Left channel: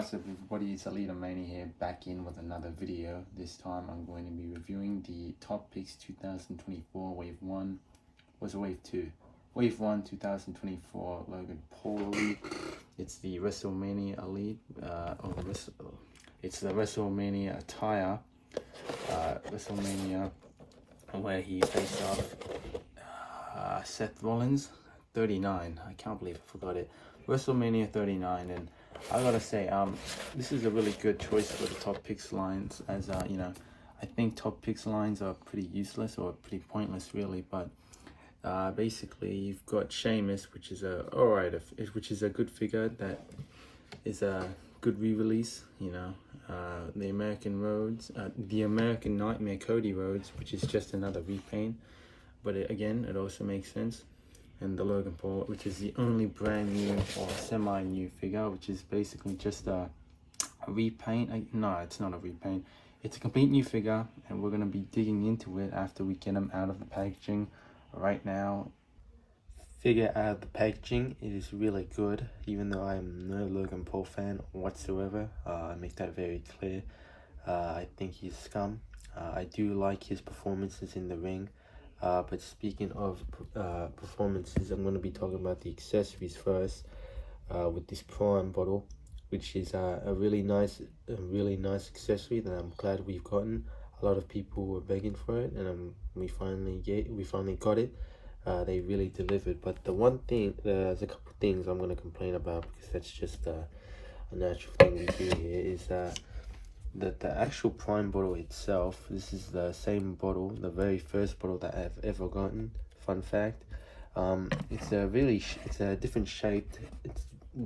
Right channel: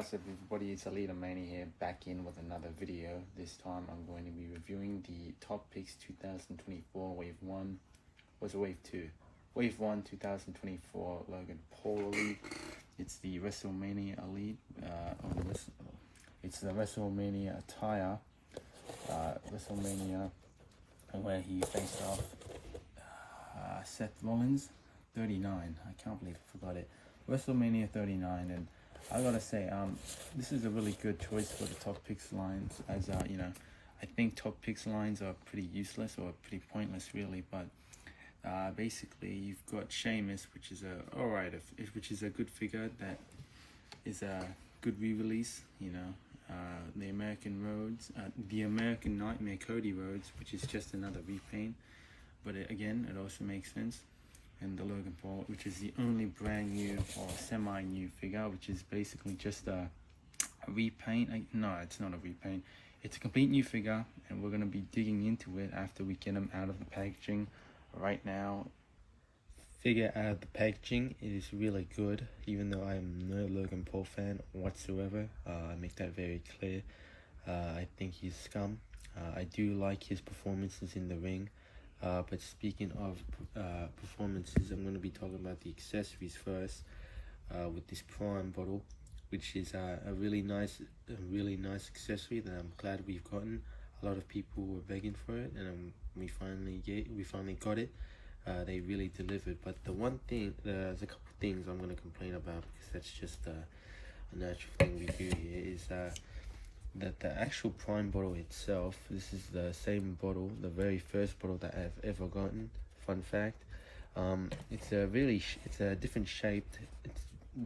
What's up everybody, it's Mania here, back in with another video. This time I'm going to be reviewing the Top Picks 2024 Wave 1, was Wave 2? Wave 1 2024 Logan Paul Elite. It's the WrestleMania Elite, it's the WrestleMania attire, WrestleMania where he faced off Seth Rollins, 39, I can't believe I forgot it, WrestleMania 39, and I gotta say, this is a really good choice for the Top Picks lines, as you know, I think Top Picks lines are pretty useless or pretty pointless really, but basically you've got Sheamus, which is a good figure that is a good re-release, you know, the American Rhodes, the American Nightmare Cody Rhodes, which is just another repaint, but again, it also makes sense. And the Logan Paul, which is the only brand new or semi-new figure, which is basically just a repaint. No, it's not a repaint. It's a complete new figure, and we're going to be digging into it after we get him out of the packaging. Right now, figure out of the packaging, it is really good, even though I am no Logan Paul fan whatsoever. I make that very clear. I think he's scum. I do like his performances in the ring. But speaking of performances, I'm going to be talking about the accessories first, with this Prime bottle, which is a really nice accessory that I'm glad we've gotten. A lot of people were begging for it, and we finally got it. They really delivered. But the one thing, there's a couple of things I'm going to complain about, because that's just a natural thing we do here, is that the actual Prime bottle itself, this is the same bottle, the very first bottle that I've ever gotten. Fun fact, it's a different shape.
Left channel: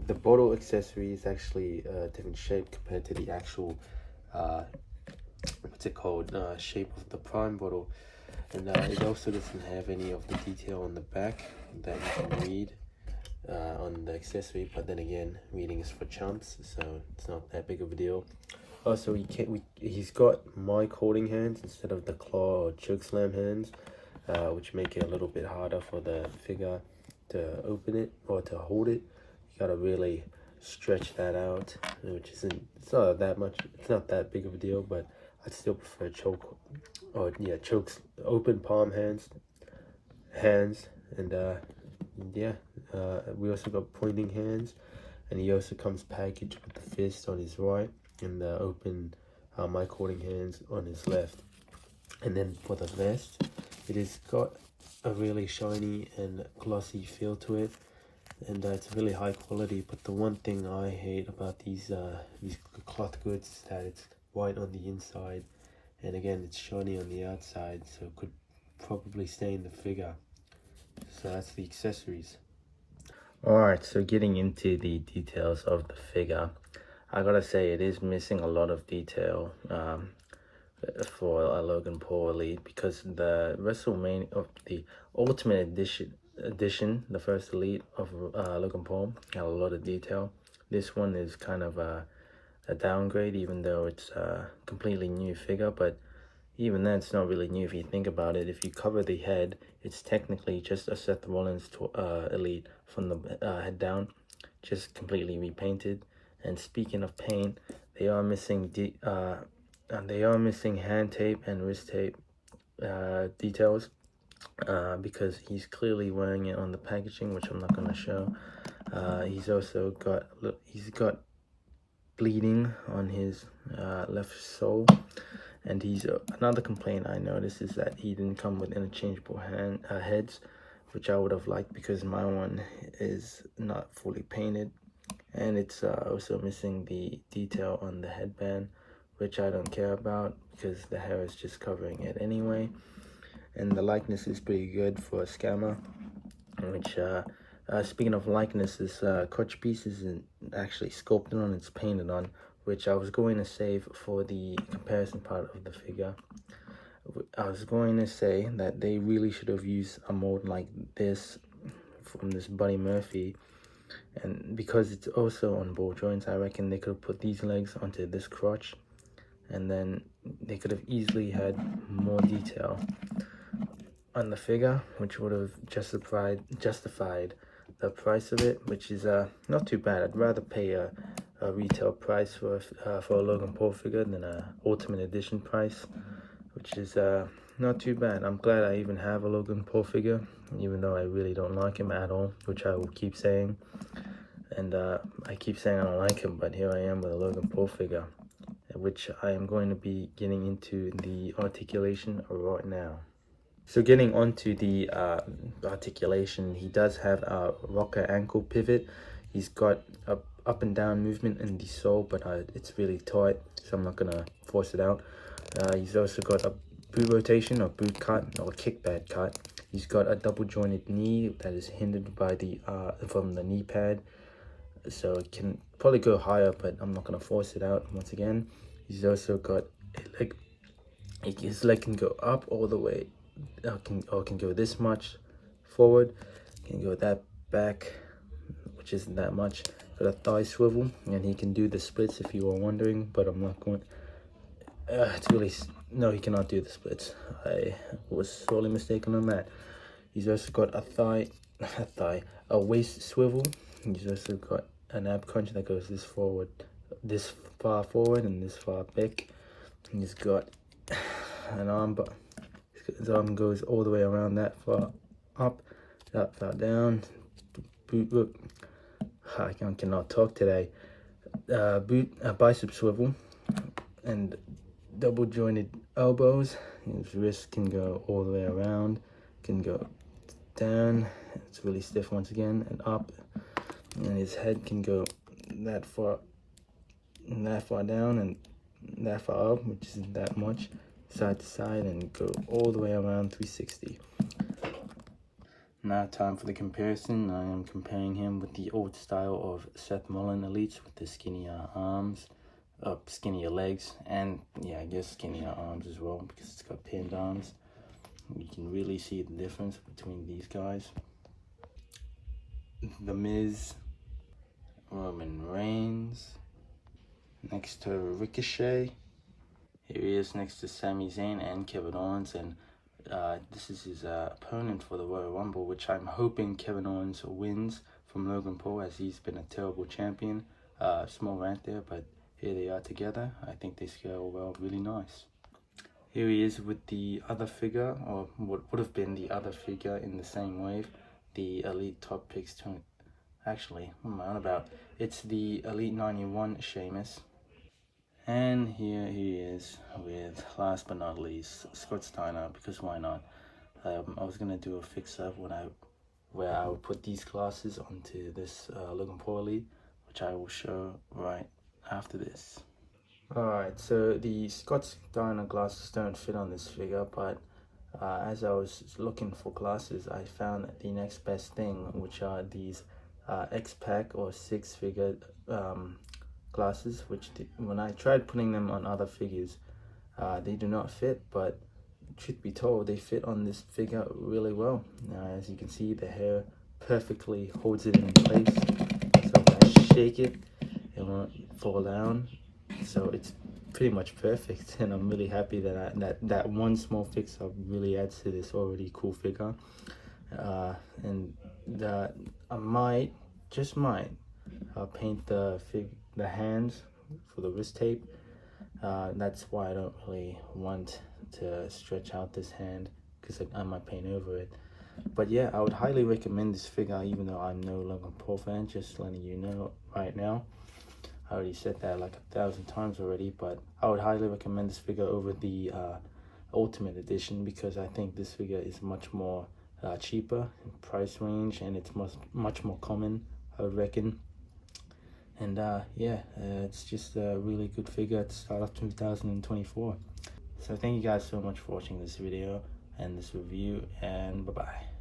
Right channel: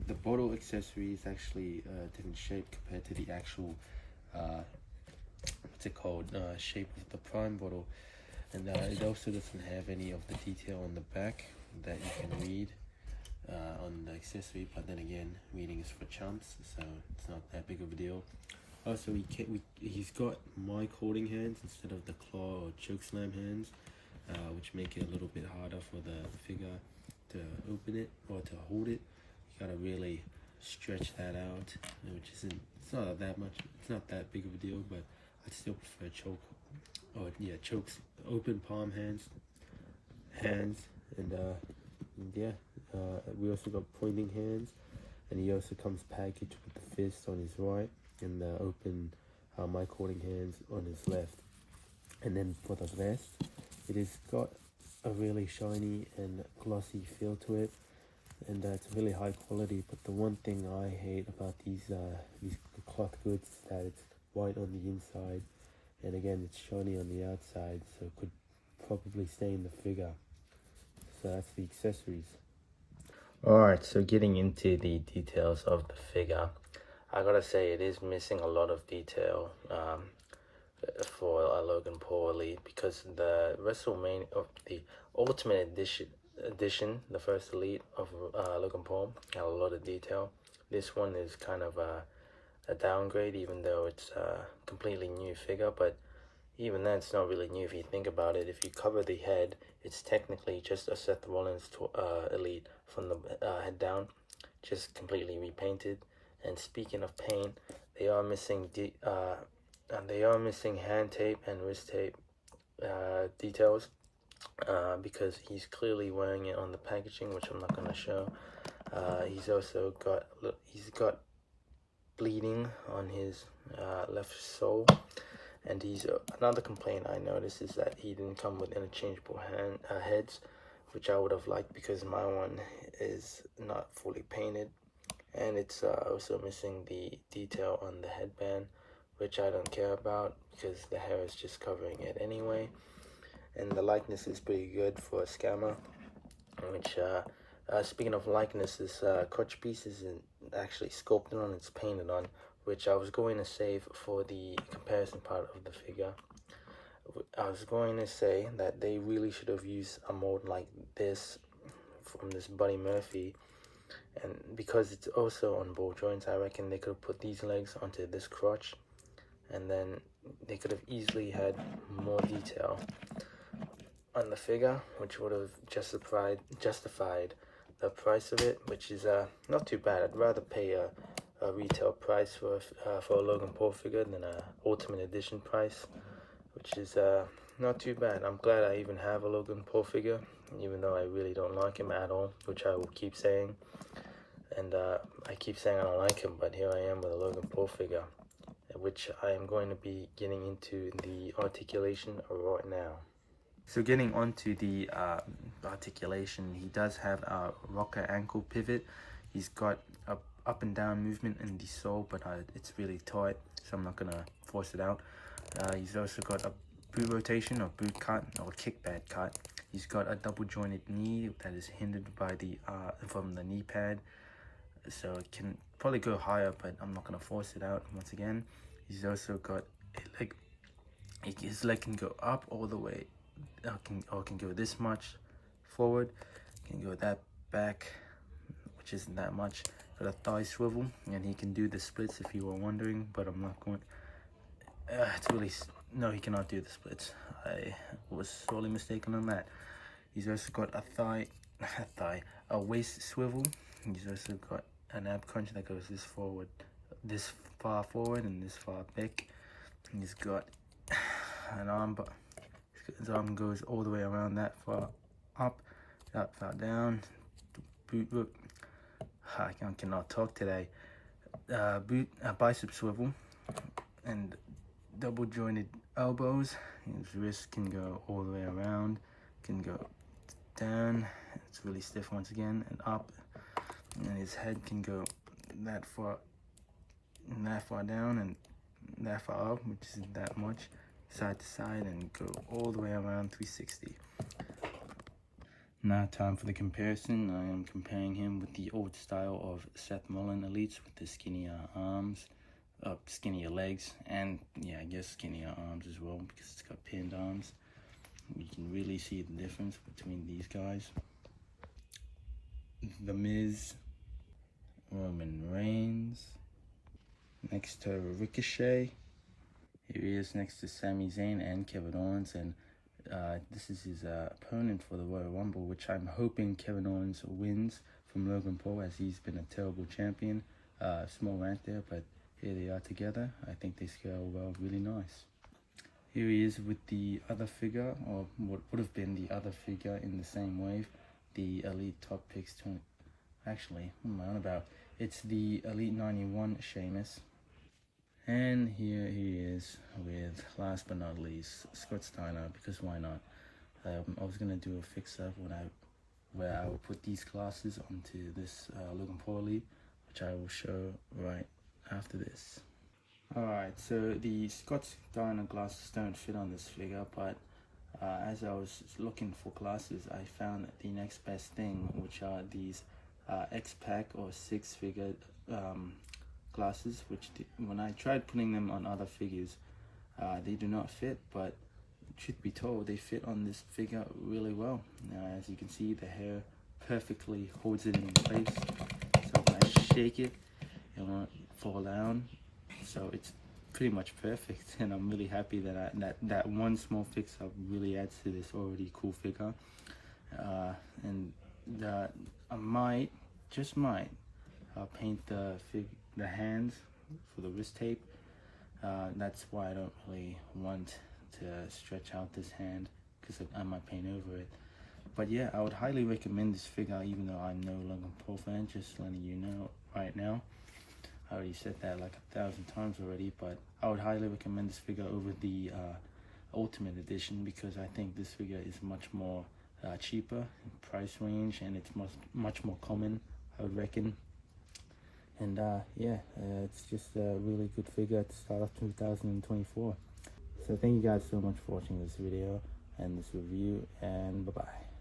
The bottle accessory is actually a different shape compared to the actual shape of the Prime bottle, and it also doesn't have any of the detail on the back that you can read on the accessory. But then again, reading is for chumps, so it's not that big of a deal. Also, he's got mic holding hands instead of the claw or chokeslam hands, which make it a little bit harder for the figure to open it or to hold it. You gotta really stretch that out, which it's not that big of a deal, but I'd still prefer chokes, open palm hands, and we also got pointing hands, and he also comes packaged with the fist on his right, and the open mic holding hands on his left. And then for the vest, it has got a really shiny and glossy feel to it, and it's really high quality. But the one thing I hate about these cloth goods is that it's white on the inside, and again it's shiny on the outside, so it could probably stain the figure. So that's the accessories. Alright, so getting into the details of the figure, I gotta say it is missing a lot of detail for a Logan Paul Elite, because the WrestleMania of the Ultimate Edition, the first Elite of Logan Paul, had a lot of detail. This one is kind of a downgrade, even though it's a completely new figure, but even then it's not really new if you think about it. If you cover the head, it's technically just a Seth Rollins Elite from the head down, just completely repainted. And speaking of paint, they are missing hand tape and wrist tape details, because he's clearly wearing it on the packaging, which I'm not going to show. He's also got bleeding on his left sole, and another complaint I noticed is that he didn't come with interchangeable heads, which I would have liked, because my one is not fully painted. And it's also missing the detail on the headband, which I don't care about, because the hair is just covering it anyway. And the likeness is pretty good for a scammer, which speaking of likeness, this crotch piece isn't actually sculpted on, it's painted on, which I was going to save for the comparison part of the figure. I was going to say that they really should have used a mold like this from this Buddy Murphy, and because it's also on ball joints, I reckon they could have put these legs onto this crotch, and then they could have easily had more detail on the figure, which would have justified the price of it, which is not too bad. I'd rather pay retail price for a Logan Paul figure than a Ultimate Edition price, which is not too bad. I'm glad I even have a Logan Paul figure, even though I really don't like him at all, which I will keep saying. And I keep saying I don't like him, but here I am with a Logan Paul figure, which I am going to be getting into the articulation right now. So getting onto the articulation, he does have a rocker ankle pivot. He's got a up and down movement in the sole, but it's really tight, so I'm not gonna force it out. He's also got a boot rotation or boot cut or kickback cut. He's got a double jointed knee that is hindered by the from the knee pad, so it can probably go higher, but I'm not gonna force it out once again. He's also got his leg can go up all the way, can go this much forward, can go that back, which isn't that much. Got a thigh swivel, and he can do the splits if you were wondering, but I'm not going. It's really no, he cannot do the splits. I was sorely mistaken on that. He's also got a waist swivel. He's also got an ab crunch that goes this far forward, and this far back. He's got an arm, but his arm goes all the way around that far up, that far down. Boot whip. I cannot talk today. Bicep swivel and double jointed elbows. His wrist can go all the way around, can go down. It's really stiff once again, and up. And his head can go that far down and that far up, which isn't that much, side to side, and go all the way around 360. Now time for the comparison. I am comparing him with the old style of Seth Mullen Elites with the skinnier arms, skinnier legs, and yeah, I guess skinnier arms as well because it's got pinned arms. You can really see the difference between these guys. The Miz, Roman Reigns, next to Ricochet. Here he is next to Sami Zayn and Kevin Owens, and this is his opponent for the Royal Rumble, which I'm hoping Kevin Owens wins from Logan Paul, as he's been a terrible champion. Small rant there, but here they are together. I think they scale well, really nice. Here he is with the other figure, or what would have been the other figure in the same wave, the Elite Top Picks. Actually, what am I on about? It's the Elite 91 Sheamus. And here he is with, last but not least, Scott Steiner, because why not? I was going to do a fix-up where I would put these glasses onto this Logan Paul Elite, which I will show right after this. Alright, so the Scott Steiner glasses don't fit on this figure, but as I was looking for glasses, I found the next best thing, which are these X-Pack or six-figure glasses, which when I tried putting them on other figures, they do not fit, but truth be told, they fit on this figure really well. As you can see, the hair perfectly holds it in place, so when I shake it, it won't fall down, so it's pretty much perfect, and I'm really happy that that one small fix-up really adds to this already cool figure. And I might, just might, paint the hands for the wrist tape. That's why I don't really want to stretch out this hand, because I might paint over it. But yeah, I would highly recommend this figure, even though I'm no Logan Paul fan, just letting you know right now. I already said that like 1,000 times already, but I would highly recommend this figure over the Ultimate Edition, because I think this figure is much more cheaper in price range, and it's much more common, I would reckon. And yeah, it's just a really good figure to start off 2024. So thank you guys so much for watching this video and this review, and bye bye.